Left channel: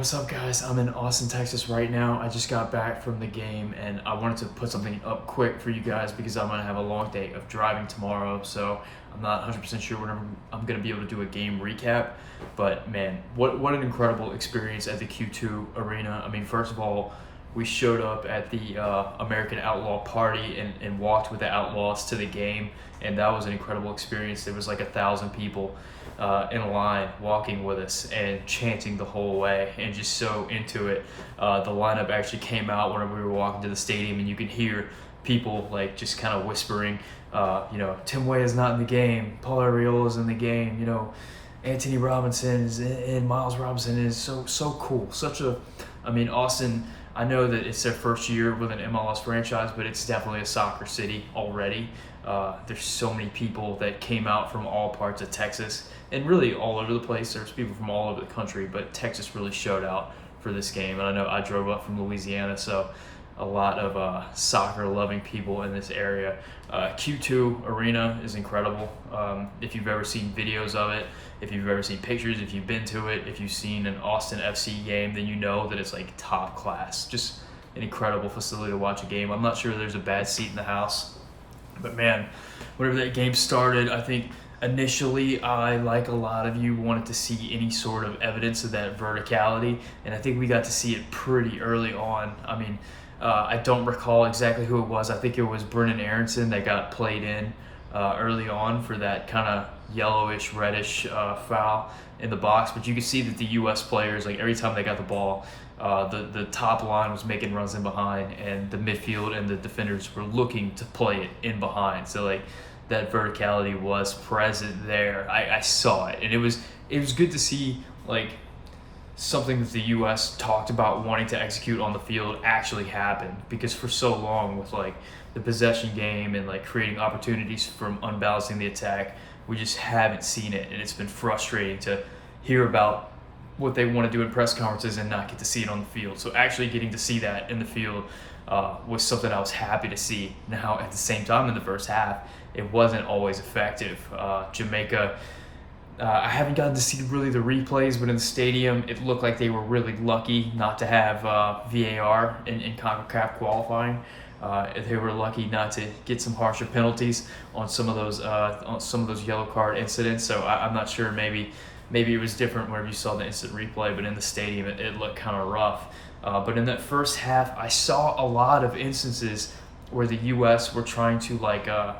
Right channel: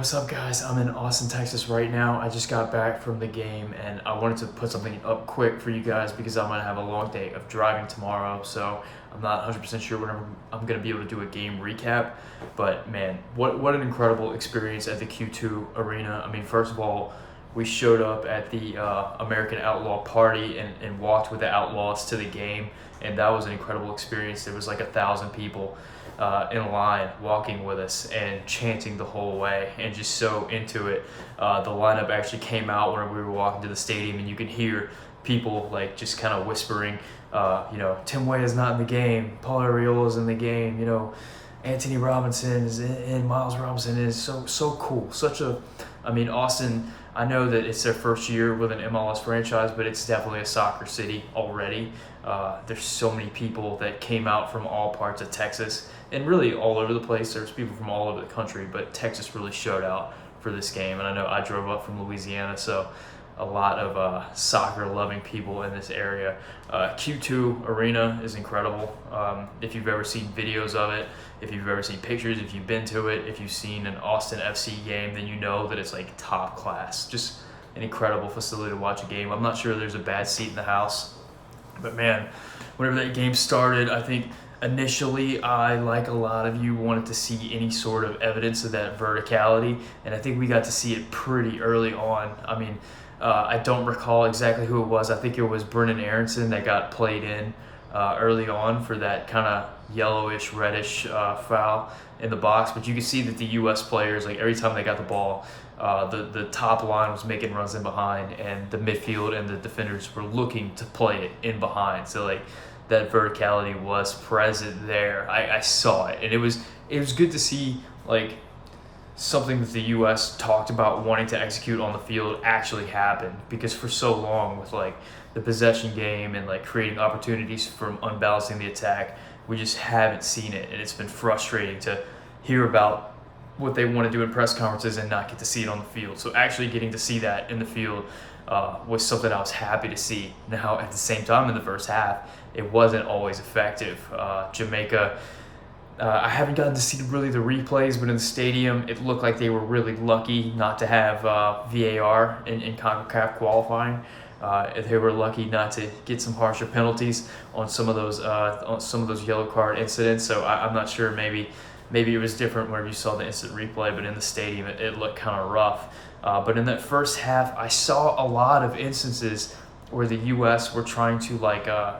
What's up, guys? I'm in Austin, Texas right now. I just got back from the game and I wanted to put something up quick for you guys because I'm going to have a long day of driving tomorrow. So I'm not 100% sure when I'm going to be able to do a game recap. But man, what an incredible experience at the Q2 Arena. I mean, first of all, we showed up at the American Outlaw Party and walked with the Outlaws to the game. And that was an incredible experience. There was like 1,000 people in a line walking with us and chanting the whole way and just so into it. The lineup actually came out when we were walking to the stadium, and you could hear people like just kind of whispering, Tim Weah's not in the game, Paul Areola's in the game, Anthony Robinson is and Miles Robinson is so cool. Austin, I know that it's their first year with an MLS franchise, but it's definitely a soccer city already. There's so many people that came out from all parts of Texas and really all over the place. There's people from all over the country, but Texas really showed out for this game. And I know I drove up from Louisiana, so a lot of soccer-loving people in this area. Q2 Arena is incredible. If you've ever seen videos of it, if you've ever seen pictures, if you've been to it, if you've seen an Austin FC game, then you know that it's like top class. Just an incredible facility to watch a game. I'm not sure there's a bad seat in the house, but man, whenever that game started, I think initially I, like a lot of you, wanted to see any sort of evidence of that verticality, and I think we got to see it pretty early on. I mean, I don't recall exactly who it was. I think it was Brennan Aronson that got played in early on for that kind of yellowish, reddish foul in the box. But you could see that the U.S. players, like every time they got the ball, the top line was making runs in behind, and the midfield and the defenders were looking to play it in behind. So like that verticality was present there. I saw it, and it was good to see like something that the U.S. talked about wanting to execute on the field actually happened, because for so long with like the possession game and like creating opportunities from unbalancing the attack, we just haven't seen it, and it's been frustrating to hear about what they want to do in press conferences and not get to see it on the field. So actually getting to see that in the field was something I was happy to see. Now at the same time, in the first half, it wasn't always effective. Jamaica, I haven't gotten to see really the replays, but in the stadium, it looked like they were really lucky not to have VAR in CONCACAF qualifying. They were lucky not to get some harsher penalties on some of those yellow card incidents. So I'm not sure. Maybe it was different whenever you saw the instant replay, but in the stadium, it looked kind of rough. But in that first half, I saw a lot of instances where the U.S. were trying to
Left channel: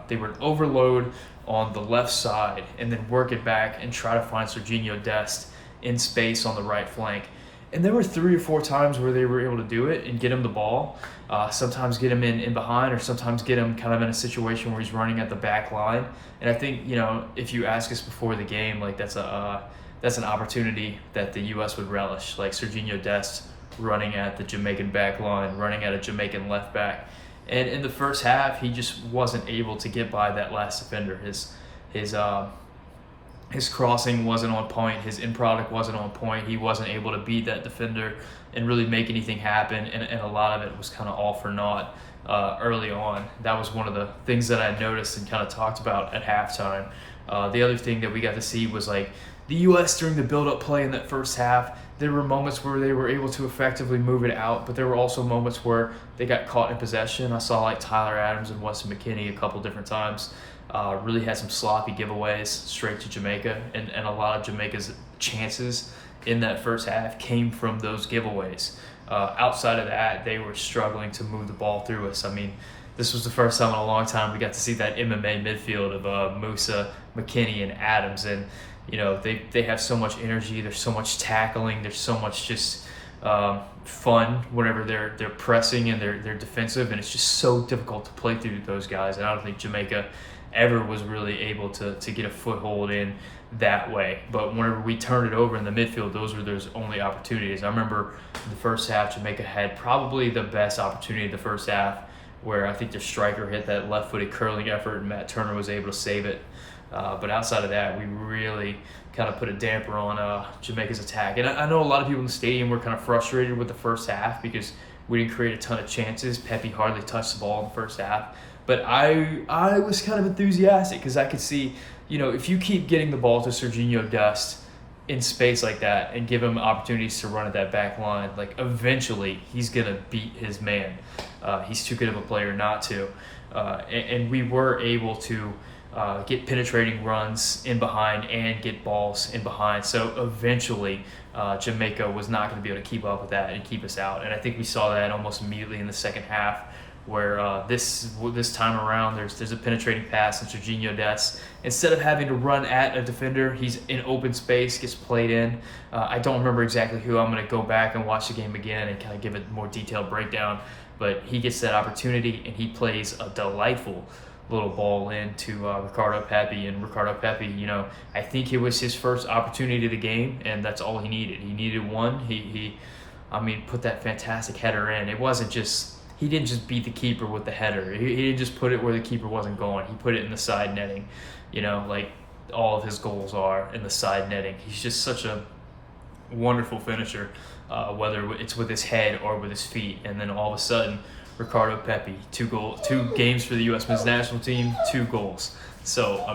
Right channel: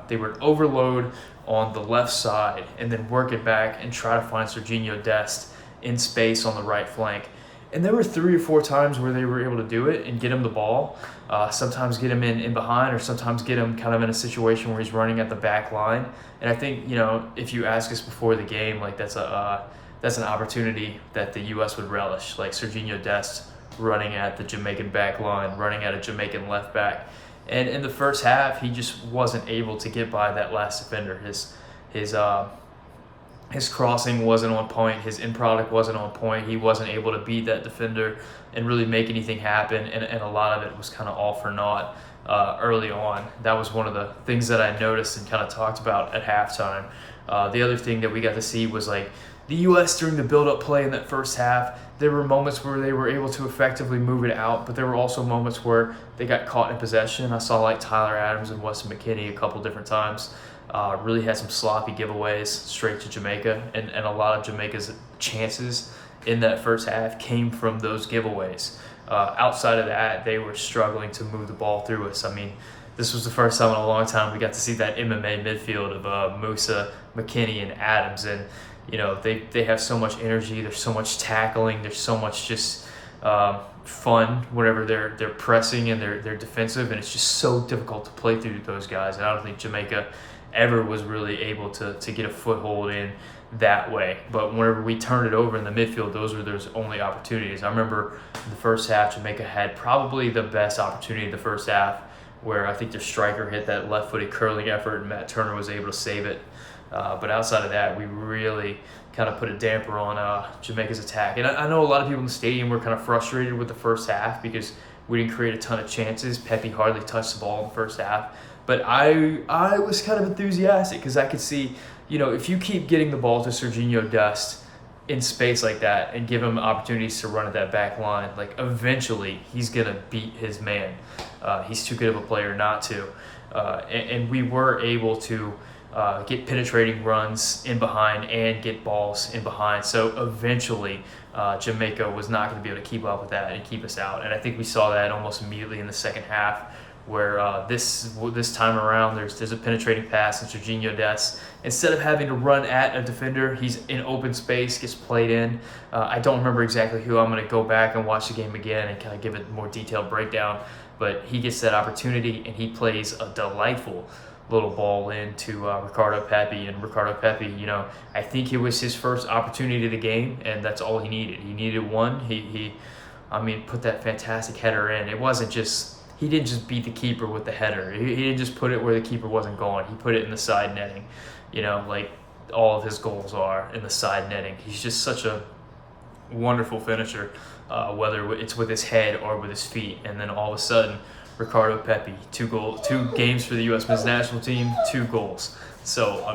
they would overload on the left side and then work it back and try to find Serginho Dest in space on the right flank. And there were 3 or 4 times where they were able to do it and get him the ball. Sometimes get him in behind, or sometimes get him kind of in a situation where he's running at the back line. And I think, if you ask us before the game, like that's an opportunity that the U.S. would relish, like Serginho Dest running at the Jamaican back line, running at a Jamaican left back. And in the first half, he just wasn't able to get by that last defender. His crossing wasn't on point. His end product wasn't on point. He wasn't able to beat that defender and really make anything happen. And a lot of it was kind of all for naught early on. That was one of the things that I noticed and kind of talked about at halftime. The other thing that we got to see was like the U.S. during the build-up play in that first half. There were moments where they were able to effectively move it out, but there were also moments where they got caught in possession. I saw like Tyler Adams and Weston McKennie a couple different times. Really had some sloppy giveaways straight to Jamaica, and a lot of Jamaica's chances in that first half came from those giveaways. Outside of that, they were struggling to move the ball through us. I mean, this was the first time in a long time we got to see that MMA midfield of Musa, McKennie, and Adams, and they have so much energy. There's so much tackling. There's so much just fun whenever they're pressing and they're defensive, and it's just so difficult to play through those guys. And I don't think Jamaica ever was really able to get a foothold in that way. But whenever we turned it over in the midfield, those were those only opportunities. I remember in the first half, Jamaica had probably the best opportunity in the first half, where I think their striker hit that left-footed curling effort and Matt Turner was able to save it. But outside of that, we really kind of put a damper on Jamaica's attack. And I know a lot of people in the stadium were kind of frustrated with the first half because we didn't create a ton of chances. Pepe hardly touched the ball in the first half. But I was kind of enthusiastic because I could see, if you keep getting the ball to Serginho Dest in space like that and give him opportunities to run at that back line, like eventually he's gonna beat his man. He's too good of a player not to, and we were able to get penetrating runs in behind and get balls in behind. So eventually, Jamaica was not going to be able to keep up with that and keep us out. And I think we saw that almost immediately in the second half, where this time around there's a penetrating pass and Serginho Dest, instead of having to run at a defender, he's in open space, gets played in. I don't remember exactly who. I'm going to go back and watch the game again and kind of give a more detailed breakdown. But he gets that opportunity and he plays a delightful little ball into Ricardo Pepe. And Ricardo Pepe, I think it was his first opportunity of the game, and that's all he needed. He needed one. He put that fantastic header in. It wasn't just, he didn't just beat the keeper with the header. He didn't just put it where the keeper wasn't going. He put it in the side netting, like all of his goals are in the side netting. He's just such a wonderful finisher, whether it's with his head or with his feet. And then all of a sudden, Ricardo Pepe, 2 games for the U.S. men's national team, 2 goals. So,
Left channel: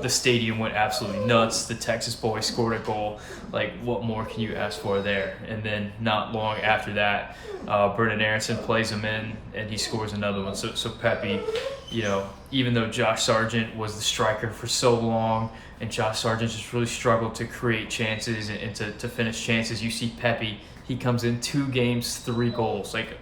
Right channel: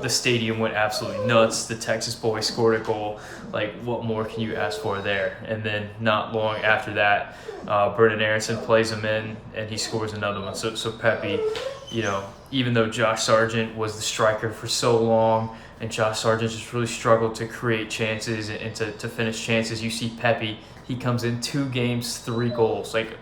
the stadium went absolutely nuts. The Texas boy scored a goal. Like, what more can you ask for there? And then not long after that, Brendan Aronson plays him in, and he scores another one. So Pepe, even though Josh Sargent was the striker for so long, and Josh Sargent just really struggled to create chances and to finish chances, you see Pepe, he comes in 2 games, 3 goals. Like,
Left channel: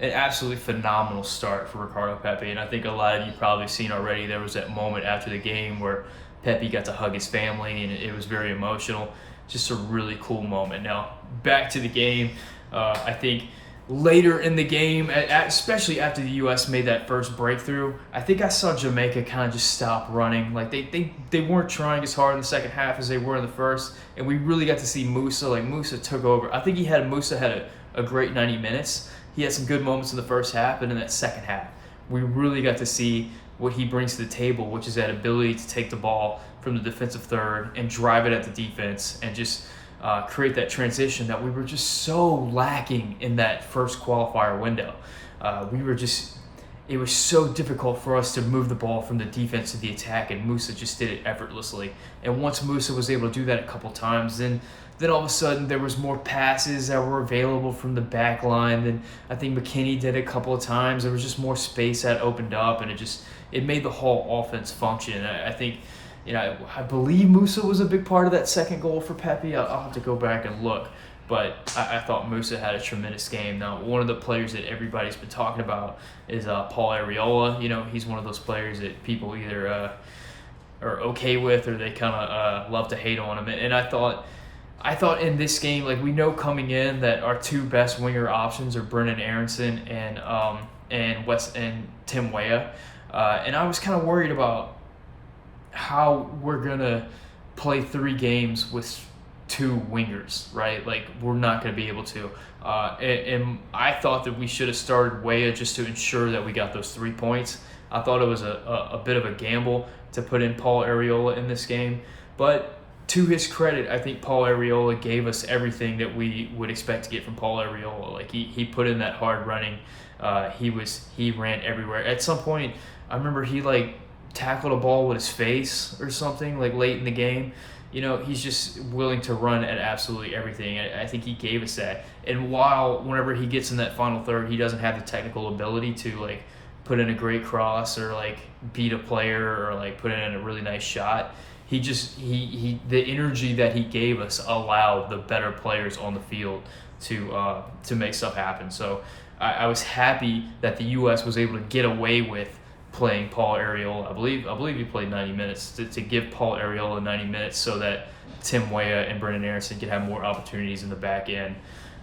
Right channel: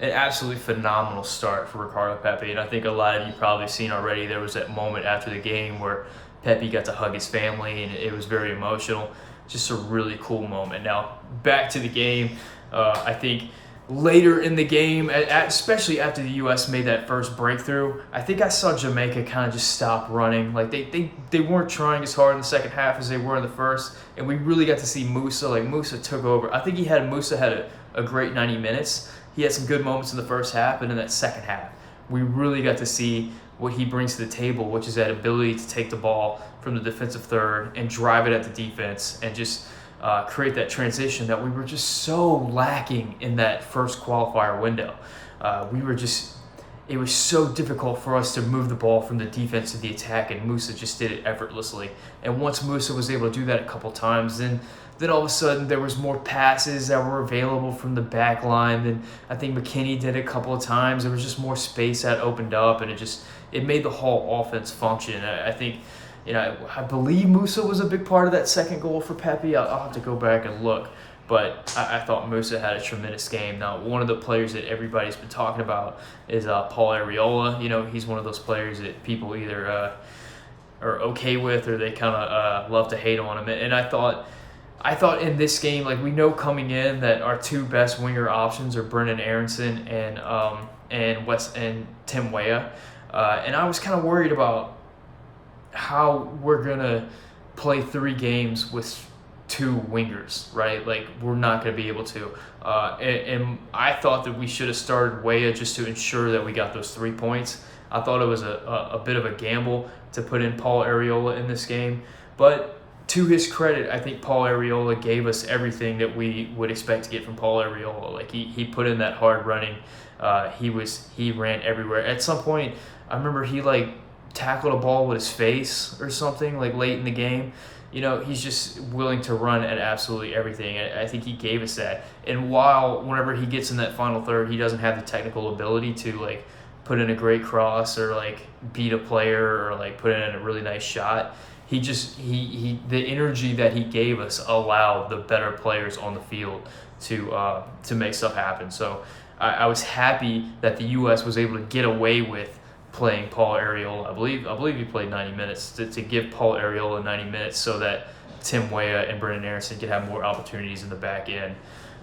an absolutely phenomenal start for Ricardo Pepe. And I think a lot of you probably seen already, there was that moment after the game where Pepe got to hug his family, and it was very emotional. Just a really cool moment. Now, back to the game. I think later in the game, especially after the U.S. made that first breakthrough, I think I saw Jamaica kind of just stop running. Like, they weren't trying as hard in the second half as they were in the first, and we really got to see Musa. Like, Musa took over. I think Musa had a great 90 minutes. He had some good moments in the first half, but in that second half, we really got to see what he brings to the table, which is that ability to take the ball from the defensive third and drive it at the defense and just create that transition that we were just so lacking in that first qualifier window. It was so difficult for us to move the ball from the defense to the attack, and Musa just did it effortlessly. And once Musa was able to do that a couple times, then all of a sudden there was more passes that were available from the back line. Then I think McKinney did it a couple of times. There was just more space that opened up, and it made the whole offense function. I think, I believe Musa was a big part of that second goal for Pepe. I'll have to go back and look. But I thought Musa had a tremendous game. Now, one of the players that everybody's been talking about is Paul Areola. He's one of those players that people either are okay with or they kind of love to hate on him. And I thought in this game, like, we know coming in that our 2 best winger options are Brendan Aronson and Tim Weah. And I was kind of worried about how we're gonna play 3 games with 2 wingers, right? Like, we're not going to be able to. And I thought that we should have started Weah just to ensure that we got those 3 points. I thought it was a bit of a gamble to put in Paul Areola in this game. But to his credit, I think Paul Areola gave us everything that we would expect to get from Paul Areola. Like, he put in that hard running. He ran everywhere. At some point, I remember he, tackled a ball with his face or something, late in the game. He's just willing to run at absolutely everything. I think he gave us that. And whenever he gets in that final third, he doesn't have the technical ability to, put in a great cross or, beat a player or, put in a really nice shot. The energy that he gave us allowed the better players on the field to make stuff happen. So I was happy that the U.S. was able to get away with playing Paul Areola. I believe he played 90 minutes to give Paul Areola 90 minutes so that Tim Weah and Brendan Aronson could have more opportunities in the back end.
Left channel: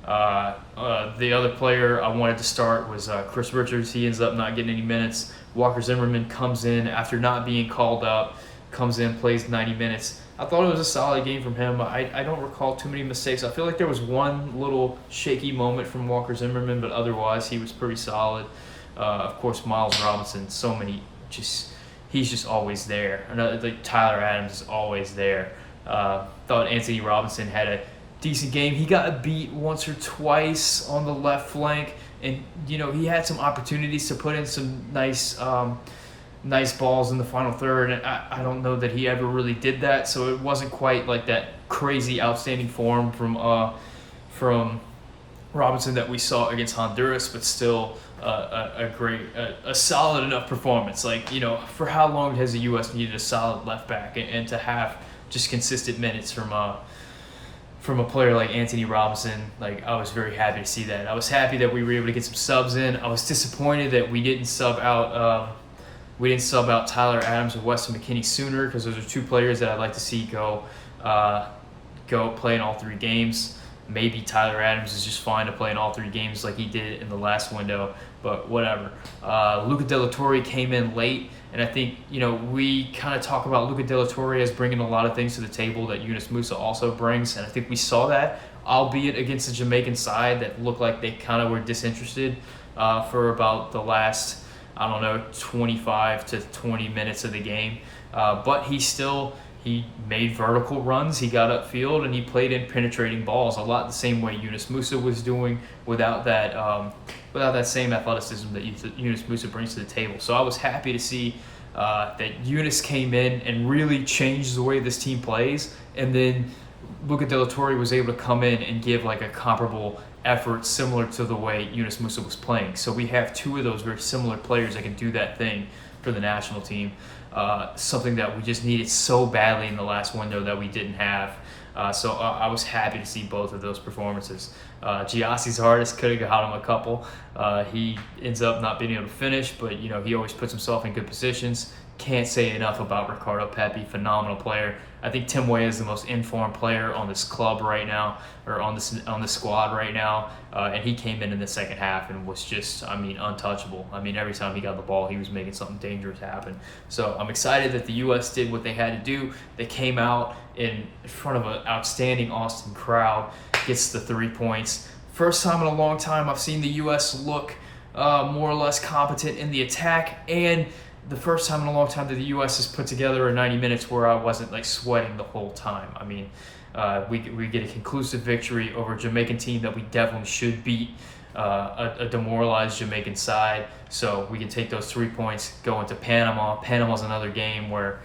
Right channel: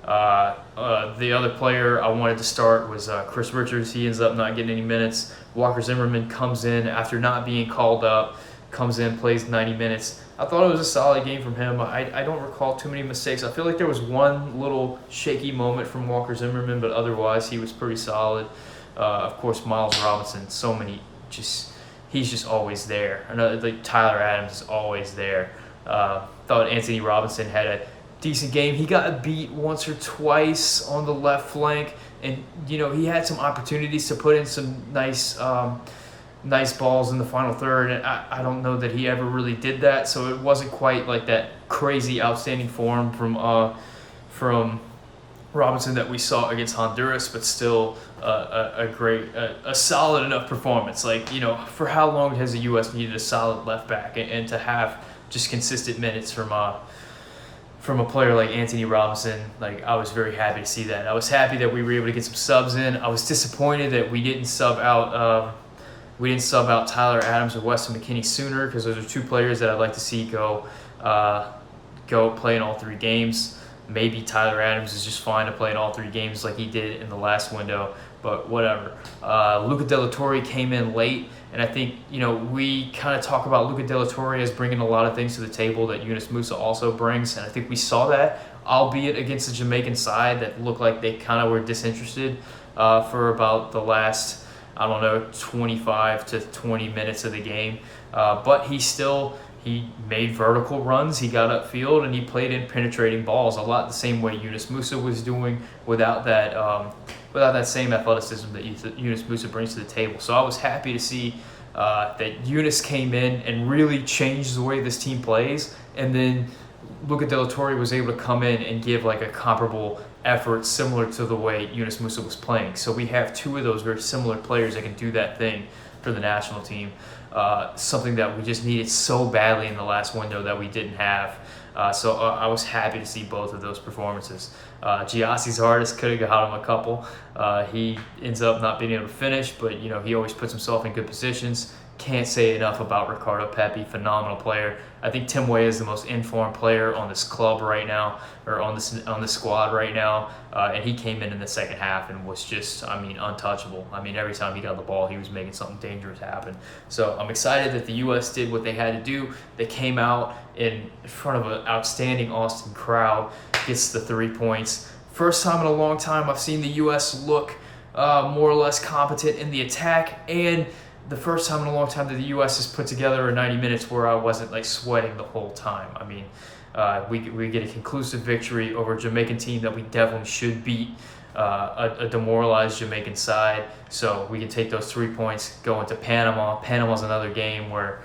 The other player I wanted to start was Chris Richards. He ends up not getting any minutes. Walker Zimmerman comes in after not being called up, comes in, plays 90 minutes. I thought it was a solid game from him. I don't recall too many mistakes. I feel like there was one little shaky moment from Walker Zimmerman, but otherwise he was pretty solid. Of course, Miles Robinson, he's just always there. Tyler Adams is always there. Thought Anthony Robinson had a decent game. He got beat once or twice on the left flank, and he had some opportunities to put in some nice balls in the final third, and I don't know that he ever really did that, so it wasn't quite like that crazy outstanding form from Robinson that we saw against Honduras, but still a solid enough performance. Like, for how long has the U.S. needed a solid left back, and to have just consistent minutes from a player like Anthony Robinson, like, I was very happy to see that. I was happy that we were able to get some subs in. I was disappointed that we didn't sub out Tyler Adams or Weston McKennie sooner, because those are two players that I'd like to see go play in all 3 games. Maybe Tyler Adams is just fine to play in all 3 games like he did in the last window, but whatever. Luca De La Torre came in late, and I think, we kind of talk about Luca De La Torre as bringing a lot of things to the table that Yunus Musah also brings, and I think we saw that, albeit against the Jamaican side that looked like they kind of were disinterested for about the last, 25 to 20 minutes of the game. But he made vertical runs, he got upfield, and he played in penetrating balls a lot the same way Yunus Musah was doing, without that same athleticism that Yunus Musah brings to the table. So I was happy to see that Yunus came in and really changed the way this team plays, and then Luca De La Torre was able to come in and give like a comparable effort similar to the way Yunus Musah was playing. So we have 2 of those very similar players that can do that thing for the national team. Something that we just needed so badly in the last window that we didn't have. So I was happy to see both of those performances. Giassi's hardest could have got him a couple. He ends up not being able to finish, but he always puts himself in good positions. Can't say enough about Ricardo Pepe, phenomenal player. I think Tim Weah is the most informed player on this club right now, or on the squad right now, and he came in the second half and was just, untouchable. Every time he got the ball, he was making something dangerous happen. So I'm excited that the U.S. did what they had to do. They came out in front of an outstanding Austin crowd, gets the 3 points. First time in a long time I've seen the U.S. look more or less competent in the attack, and the first time in a long time that the U.S. has put together a 90 minutes where I wasn't like sweating the whole time. We get a conclusive victory over a Jamaican team that we definitely should beat, a demoralized Jamaican side. So we can take those 3 points, go into Panama. Panama's another game where,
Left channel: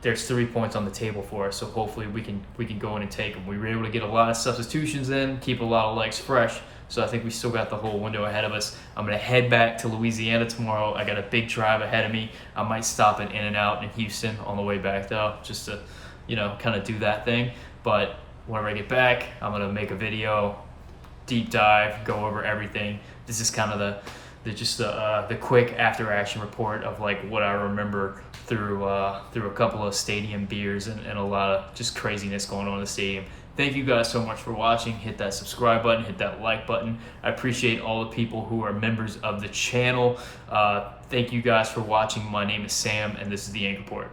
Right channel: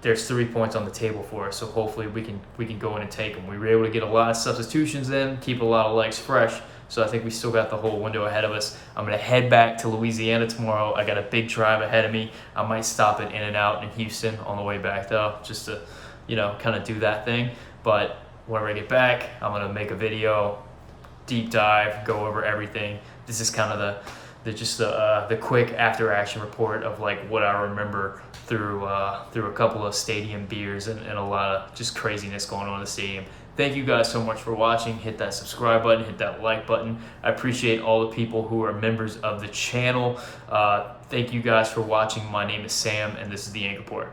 there's 3 points on the table for us. So hopefully we can go in and take them. We were able to get a lot of substitutions in, keep a lot of legs fresh. So I think we still got the whole window ahead of us. I'm going to head back to Louisiana tomorrow. I got a big drive ahead of me. I might stop at In-N-Out in Houston on the way back, though, just to, kind of do that thing. But whenever I get back, I'm going to make a video, deep dive, go over everything. This is kind of the quick after action report of like what I remember through a couple of stadium beers and a lot of just craziness going on in the stadium. Thank you guys so much for watching. Hit that subscribe button, hit that like button. I appreciate all the people who are members of the channel. Thank you guys for watching. My name is Sam, and this is the Anchor Report.